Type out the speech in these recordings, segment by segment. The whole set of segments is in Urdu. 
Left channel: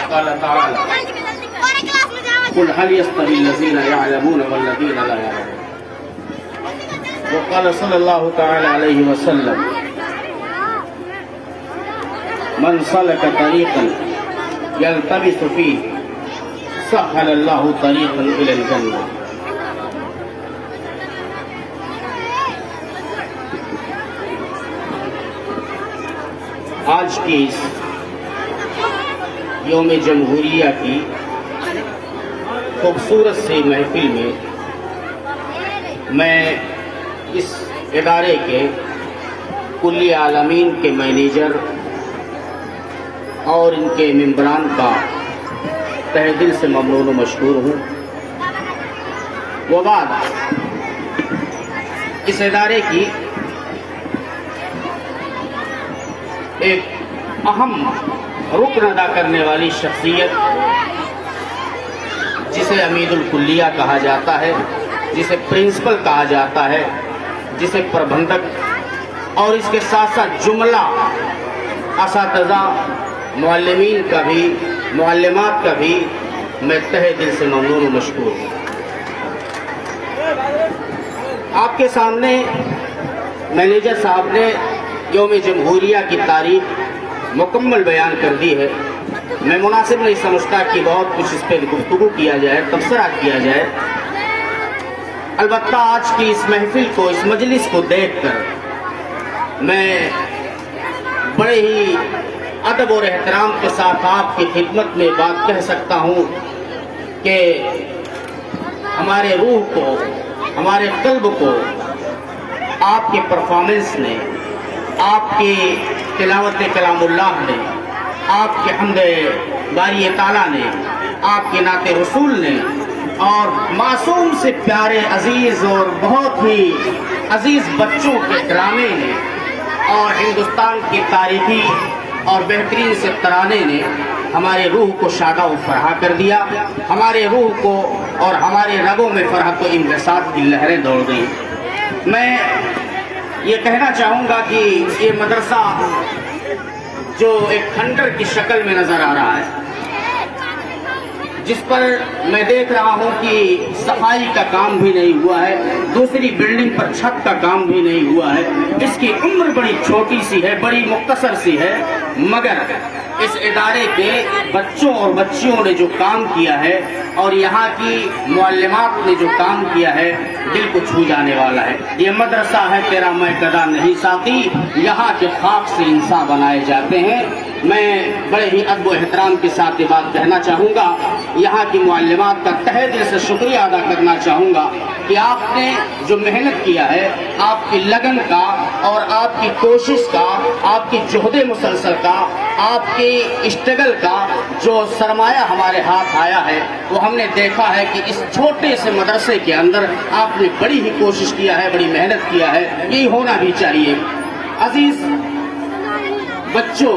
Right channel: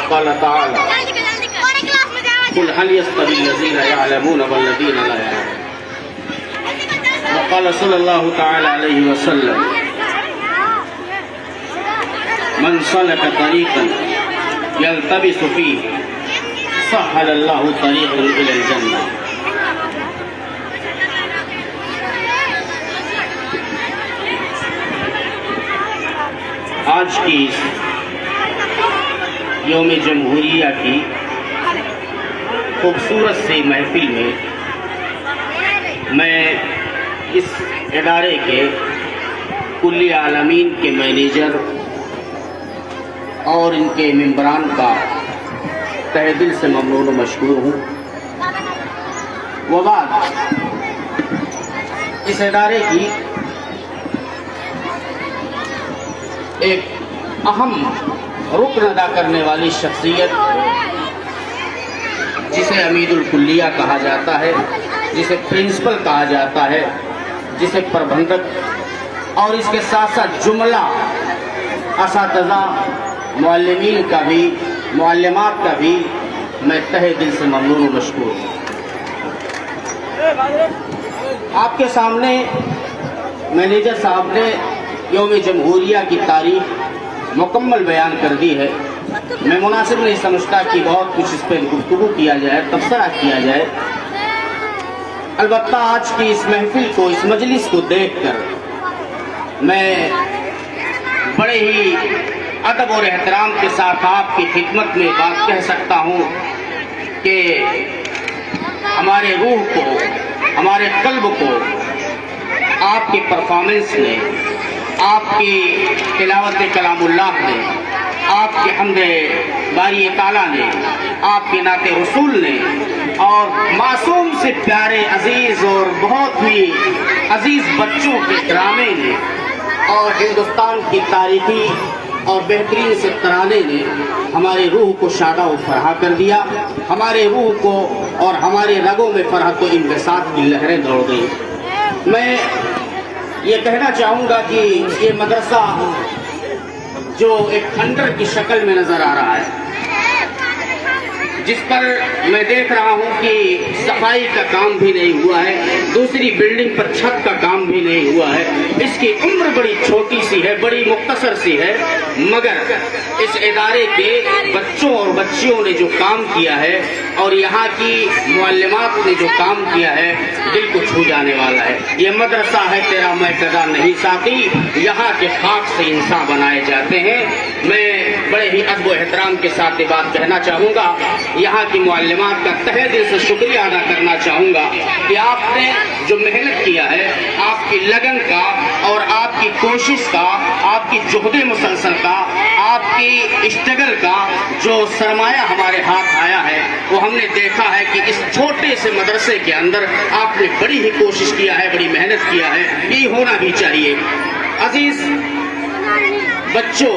وقال تعالى قل هل يستوي الذين يعلمون والذين لا يعلمون. وقال صلى الله تعالى عليه وسلم من سلك طريقا يلتمس فيه سهل الله طريقا إلى الجنة. آج کی اس یوم جمہوریہ کی خوبصورت سی محفل میں اس ادارے کے کلی عالمین کے مینیجر اور ان کے ممبران کا تہ دل سے ممنون و مشکور ہوں. وہ بات اس ادارے کی ایک اہم رکن ادا کرنے والی شخصیت جسے امید الکلیہ کہا جاتا ہے، جسے پرنسپل کہا جاتا ہے، جسے پربندھک اور اس کے ساتھ ساتھ جملہ اساتذہ معلمین کا بھی معلمات کا بھی میں تہ دل سے ممنون و مشکور ہوں. آپ کے سامنے مینیجر صاحب نے یوم جمہوریہ کی تاریخ مکمل بیان کر دی ہے. میں مناسب نہیں سمجھتا کہ بہت کچھ اس پہ گفتگو کیا جائے، تبصرہ کیا جائے. البتہ آج کی اس محفل کو، اس مجلس کو دیکھ کر میں بڑے ہی ادب اور احترام کے ساتھ آپ کی خدمت میں بات کہہ سکتا ہوں کہ ہمارے روح کو، ہمارے قلب کو آپ کے پرفارمنس نے، آپ کی تلاوت کلام اللہ نے، آپ کے حمد باری تعالیٰ نے، آپ کے نعت رسول نے اور معصوم سے پیارے عزیز اور بہت ہی عزیز بچوں کے ڈرامے نے اور ہندوستان کی تاریخی اور بہترین سے ترانے نے ہمارے روح کو شادہ و فرحا کر دیا. ہمارے روح کو اور ہمارے رگوں میں فرحت و انبساط کی لہریں دوڑ گئی. میں یہ کہنا چاہوں گا کہ یہ مدرسہ جو ایک کھنڈر کی شکل میں نظر آ رہا ہے، جس پر میں دیکھ رہا ہوں کہ صفائی کا کام بھی نہیں ہوا ہے، دوسری بلڈنگ پر چھت کا کام بھی نہیں ہوا ہے، اس کی عمر بڑی چھوٹی سی ہے، بڑی مختصر سی ہے، مگر اس ادارے کے بچوں اور بچیوں نے جو کام کیا ہے اور یہاں کی معلمات نے جو کام کیا ہے دل کو چھو جانے والا ہے. یہ مدرسہ ہے تیرا میں قدا نہیں ساتھی، یہاں کے خاک سے انسان بنائے جاتے ہیں. میں بڑے ہی ادب و احترام کے ساتھ یہ بات کہنا چاہوں گا، یہاں کی معلمات کا تہ دل سے شکریہ ادا کرنا چاہوں گا کہ آپ نے جو محنت کیا ہے، آپ کی لگن کا اور آپ کی کوشش کا، آپ کی جہد مسلسل کا، آپ کی اسٹرگل کا جو سرمایہ ہمارے ہاتھ آیا ہے وہ ہم نے دیکھا ہے کہ اس چھوٹے سے مدرسے کے اندر آپ نے بڑی ہی کوشش کیا ہے، بڑی محنت کیا ہے. یہ ہونا بھی چاہیے. عزیز بچوں،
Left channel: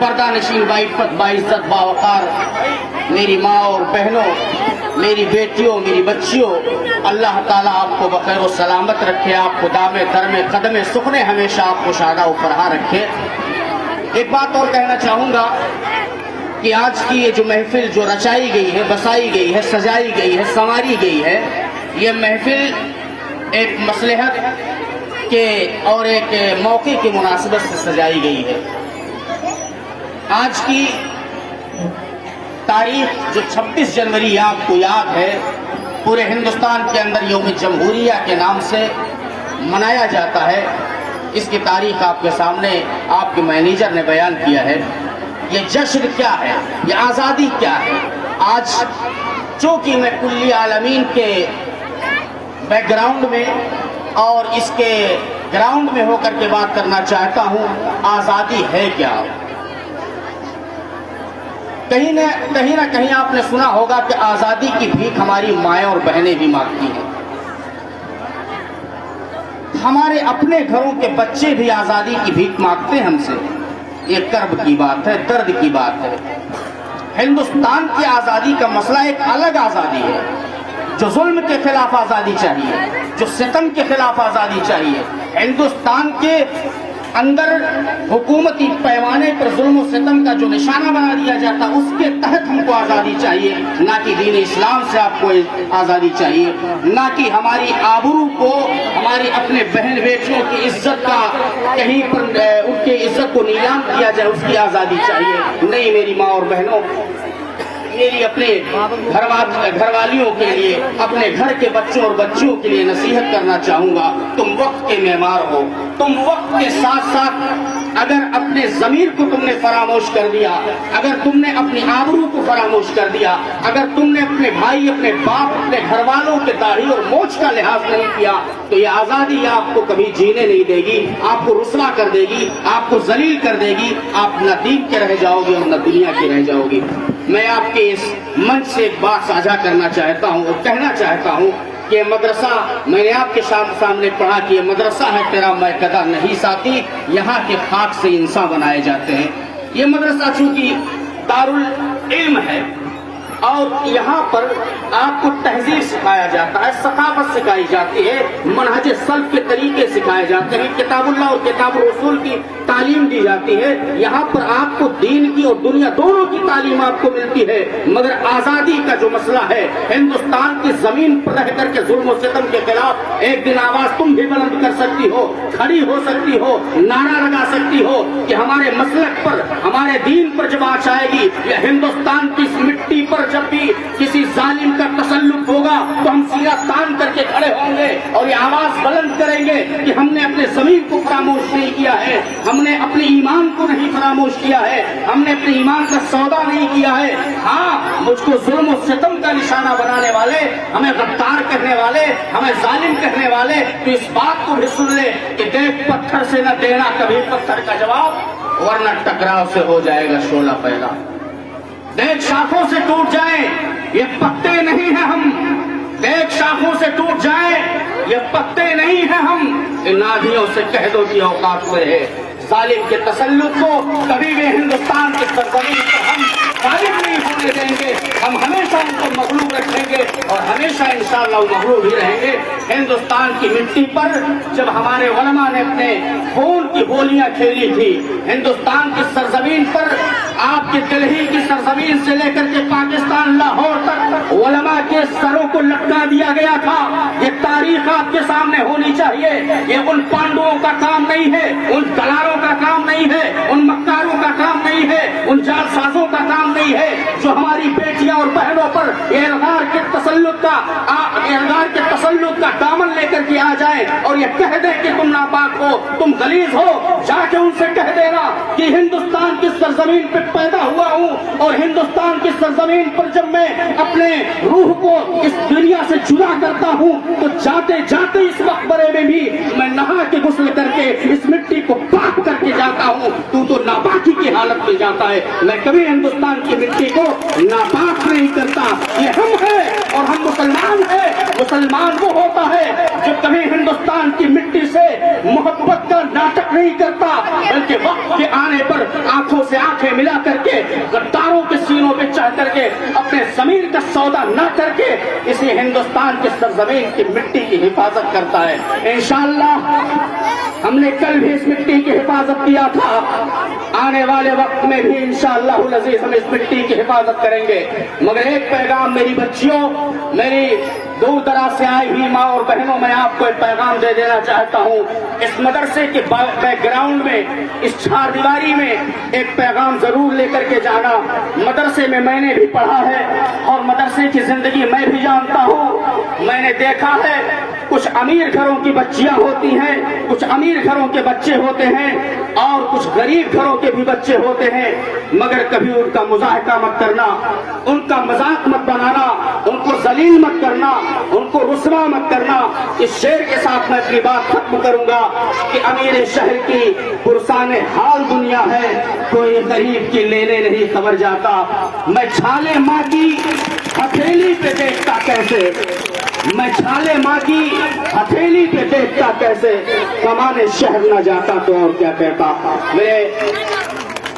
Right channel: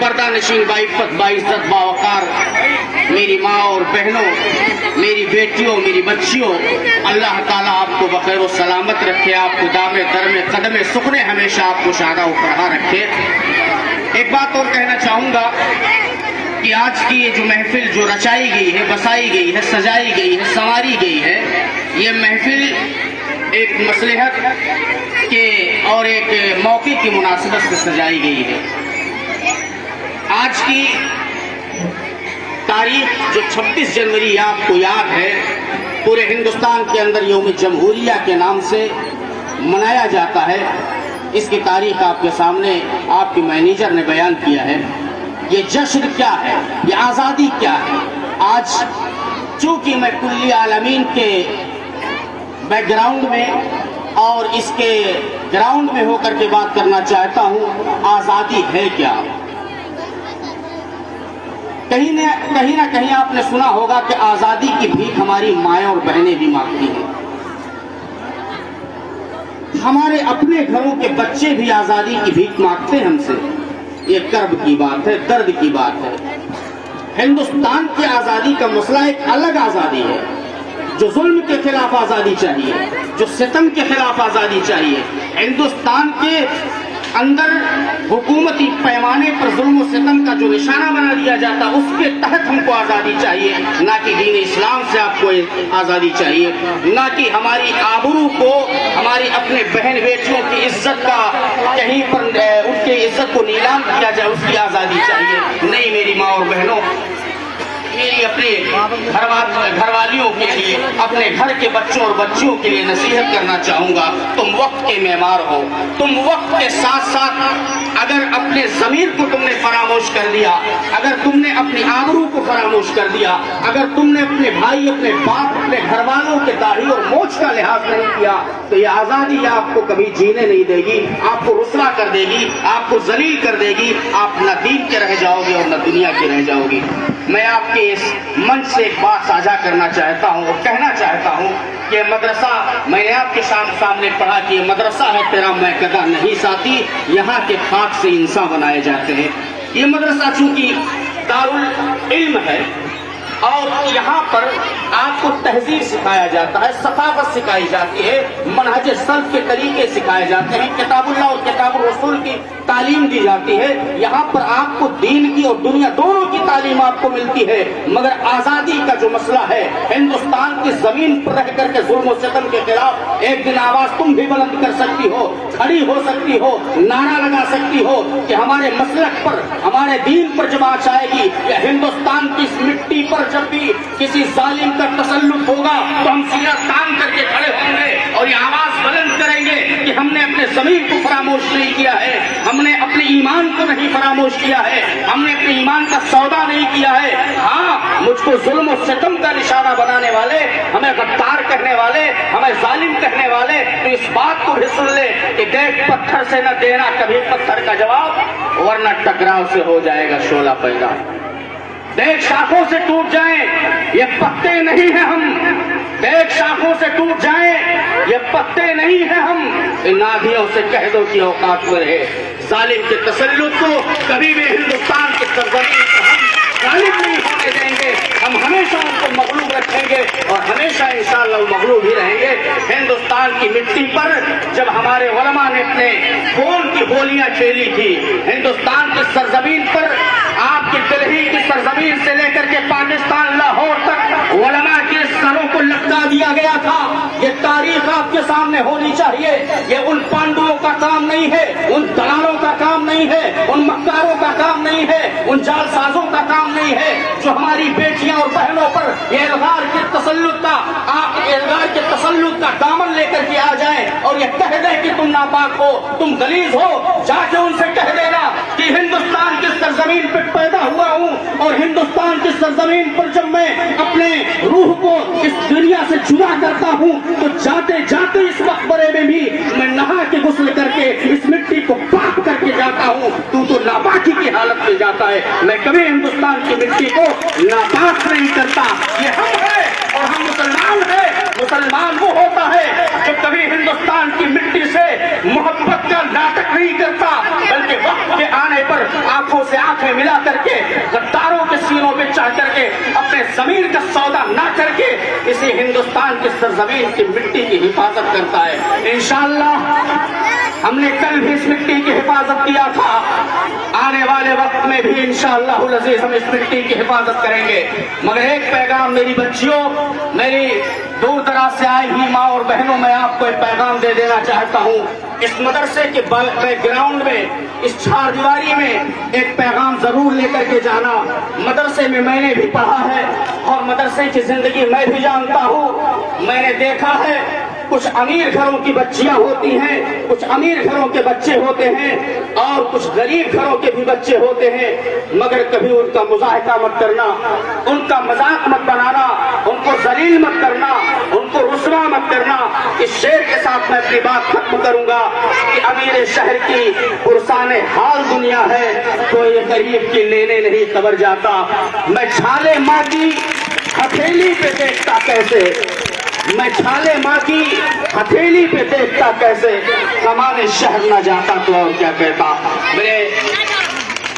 پردہ نشین باعزت باعزت باوقار میری ماں اور بہنوں، میری بیٹیوں، میری بچیوں، اللہ تعالیٰ آپ کو بخیر و سلامت رکھے، آپ کو دامے درم قدم سکھنے ہمیشہ آپ کو شادہ و فرحا رکھے. ایک بات اور کہنا چاہوں گا کہ آج کی یہ جو محفل جو رچائی گئی ہے، بسائی گئی ہے، سجائی گئی ہے، سنواری گئی ہے، یہ محفل ایک مصلحت کے اور ایک موقع کی مناسبت سے سجائی گئی ہے. آج کی تاریخ جو 26 جنوری آپ کو یاد ہے، پورے ہندوستان کے اندر یوم جمہوریہ کے نام سے منایا جاتا ہے. اس کی تاریخ آپ کے سامنے آپ کے مینیجر نے بیان کیا ہے. یہ جشن کیا ہے، یہ آزادی کیا ہے. آج چونکہ میں کلی عالمین کے بیک گراؤنڈ میں اور اس کے گراؤنڈ میں ہو کر کے بات کرنا چاہتا ہوں، آزادی ہے کیا. کہیں نہ کہیں آپ نے سنا ہوگا کہ آزادی کی بھیک ہماری مائیں اور بہنیں بھی مانگتی ہیں. ہمارے اپنے گھروں کے بچے بھی آزادی کی بھیک مانگتے ہیں ہم سے. یہ کرب کی بات ہے، درد کی بات ہے. ہندوستان کی آزادی کا مسئلہ ایک الگ آزادی ہے، جو ظلم کے خلاف آزادی چاہیے، جو ستم کے خلاف آزادی چاہیے. ہندوستان کے اندر حکومتی پیمانے پر ظلم و ستم کا جو نشانہ بنا دیا جاتا اس کے تحت ہم کو آزادی چاہیے، نہ کہ دین اسلام سے آپ کو آزادی چاہیے، نہ کہ ہماری آبرو کو، ہماری اپنے بہن بیٹیوں کی عزت کا کہیں پر ان کی عزت کو نیلام کیا جائے اس کی آزادی چاہیے۔ نہیں میری ماں اور بہنوں، میری اپنے گھر والیوں کے لیے، اپنے گھر کے بچوں اور بچیوں کے لیے نصیحت کرنا چاہوں گا، تم وقت کے معمار ہو، تم وقت کے ساتھ ساتھ اگر اپنے ضمیر کو تم نے فراموش کر دیا، اگر تم نے اپنی آبرو کو فراموش کر دیا، اگر تم نے اپنے بھائی، اپنے باپ، اپنے گھر والوں کے داڑھی اور مونچھ کا لحاظ نہیں کیا تو یہ آزادی آپ کو کبھی جینے نہیں دے گی، آپ کو رسوا کر دے گی، آپ کو ذلیل کر دے گی، آپ نہ دین کے رہ جاؤ گے اور نہ دنیا کے رہ جاؤ گی۔ میں آپ کے اس منچ سے ایک بات ساجھا کرنا چاہتا ہوں اور کہنا چاہتا ہوں کہ مدرسہ، میں نے آپ کے سامنے پڑھا کہ مدرسہ ہے تیرا میکدہ نہیں ساتھی، یہاں کے خاک سے انسان بنائے جاتے ہیں۔ یہ مدرسہ چونکہ دارالعلم ہے اور یہاں پر آپ کو تہذیب سکھایا جاتا ہے، ثقافت سکھائی جاتی ہے، منہج سلف کے طریقے سکھائے جاتے ہیں، کتاب اللہ اور کتاب الرسول کی تعلیم دی جاتی ہے۔ یہاں پر آپ کو دین کی اور دنیا دونوں کی تعلیم آپ کو ملتی ہے، مگر آزادی کا جو مسئلہ ہے، ہندوستان کی زمین پر رہ کر کے ظلم و ستم کے خلاف ایک دن آواز تم بھی بلند کر سکتی ہو، کھڑی ہو سکتی ہو، نعرہ لگا سکتی ہو کہ ہمارے مسلک پر، ہمارے دین پر جب آنچ آئے گی یا ہندوستان کی اس مٹی پر جب بھی کسی ظالم کا تسلط ہوگا تو ہم سینا تام کر کے کھڑے ہوں گے اور یہ آواز بلند کریں گے کہ ہم نے اپنے ضمیر کو فراموش نہیں کیا ہے، ہم نے اپنے ایمان کو نہیں فراموش کیا ہے، ہم نے اپنے ایمان کا سودا نہیں کیا ہے۔ ہاں، مجھ کو ظلم و ستم کا نشانہ بنانے والے، ہمیں غدار کہنے والے، ہمیں ظالم کہنے والے تو اس بات کو بھی سن لے کہ دیکھ پتھر سے نہ دینا کبھی پتھر کا جواب، ورنہ ٹکراؤ سے ہو جائے گا شعلہ پیدا۔ دیکھ شاخوں سے ٹوٹ جائیں یہ پتے نہیں ہیں ہم، دیکھ شاخوں سے ٹوٹ جائیں یہ پتے نہیں ہیں ہم، ان نادیوں سے کہہ دو کہ اوقات میں رہے، ظالم کے تسلط کو کبھی بھی ہندوستان کی سرزمین پر ہم غالب نہیں ہونے دیں گے، ہم ہمیشہ ان کو مغلوب رکھیں گے اور ہمیشہ انشاءاللہ وہ مغلوب ہی رہیں گے۔ ہندوستان کی مٹی پر جب ہمارے علماء نے اپنے خون کی بولیاں کھیلی تھی، ہندوستان کی سرزمین پر آپ کی دلہی کی سرزمین سے لے کر کے پاکستان لاہور تک علماء کے سروں کو لٹکا دیا گیا تھا۔ یہ تاریخ آپ کے سامنے ہونی چاہیے، یہ ان پانڈوؤں کا کام نہیں ہے، ان دلالوں کا کام نہیں ہے، ان مکاروں کا کام نہیں ہے، ان جال سازوں کا کام نہیں ہے جو ہماری بیٹیاں اور بہنوں پر الغار کے تسلط کا دامن لے کر کے آ جائے اور یہ کہہ دے کہ تم ناپاک ہو، تم غلیظ ہو۔ جا کے ان سے کہہ دینا کہ ہندوستان کی سرزمین پر پیدا ہوا ہوں اور ہندوستان کی سرزمین پر جب میں اپنے روح کو اس دنیا سے جدا کرتا ہوں تو جاتے جاتے اس مقبرے میں بھی میں نہا کے غسل کر کے اس مٹی کو پاک کر کے جاتا ہوں، تو ناپاکی کی حالت میں جاتا ہے۔ میں کبھی ہندوستان کی مٹی کو ناپاک نہیں کرتا، یہ ہم ہیں اور ہم مسلمان ہیں۔ مسلمان وہ ہوتا ہے جو کبھی ہندوستان کی مٹی سے محبت کا ناٹک نہیں کرتا، بلکہ وقت کے آنے پر آنکھوں سے آنکھیں ملا کر کے غداروں کے سینوں پہ چڑھ کر کے اپنے ضمیر کا سودا نہ کر کے اسی ہندوستان کی سرزمین کی مٹی کی حفاظت کرتا ہے۔ انشاءاللہ ہم نے کل بھی اس مٹی کی حفاظت کیا تھا، آنے والے وقت میں بھی انشاءاللہ العزیز ہم اس مٹی کی حفاظت کریں گے۔ مگر ایک پیغام میری بچیوں، میری دور دراز سے آئی ہوئی ماں اور بہنوں، میں آپ کو ایک پیغام دے دینا چاہتا ہوں۔ اس مدرسے کے بیک گراؤنڈ میں، اس چار دیواری میں ایک پیغام ضرور لے کر کے جانا۔ مدرسے میں میں نے بھی پڑھا ہے اور مدرسے کی زندگی میں بھی جانتا ہوں۔ میں نے دیکھا ہے کچھ امیر گھروں کی بچیاں ہوتی ہیں، کچھ امیر گھروں کے بچے ہوتے ہیں اور کچھ غریب گھروں کے بھی بچے ہوتے ہیں، مگر کبھی ان کا مضاحکہ مت کرنا، ان کا مذاق مت بنانا، ان کو ذلیل مت کرنا، ان کو رسوا مت کرنا۔ اس شعر کے ساتھ میں اپنی بات ختم کروں گا کہ امیر شہر کی پرسان حال دنیا ہے، کوئی غریب کی لینے نہیں خبر جاتا۔ میں چھالے ماں کی ہتھیلی پہ دیکھتا کیسے، میں چھالے ماں کی ہتھیلی پہ دیکھتا کیسے، کمانے شہر نہ جاتا تو اور کیا کہتا۔ میرے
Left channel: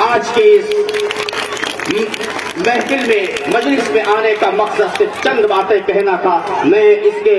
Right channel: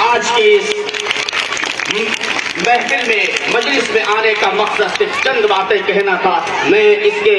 آج کی اس محفل میں، مجلس میں آنے کا مقصد صرف چند باتیں کہنا تھا۔ میں اس کے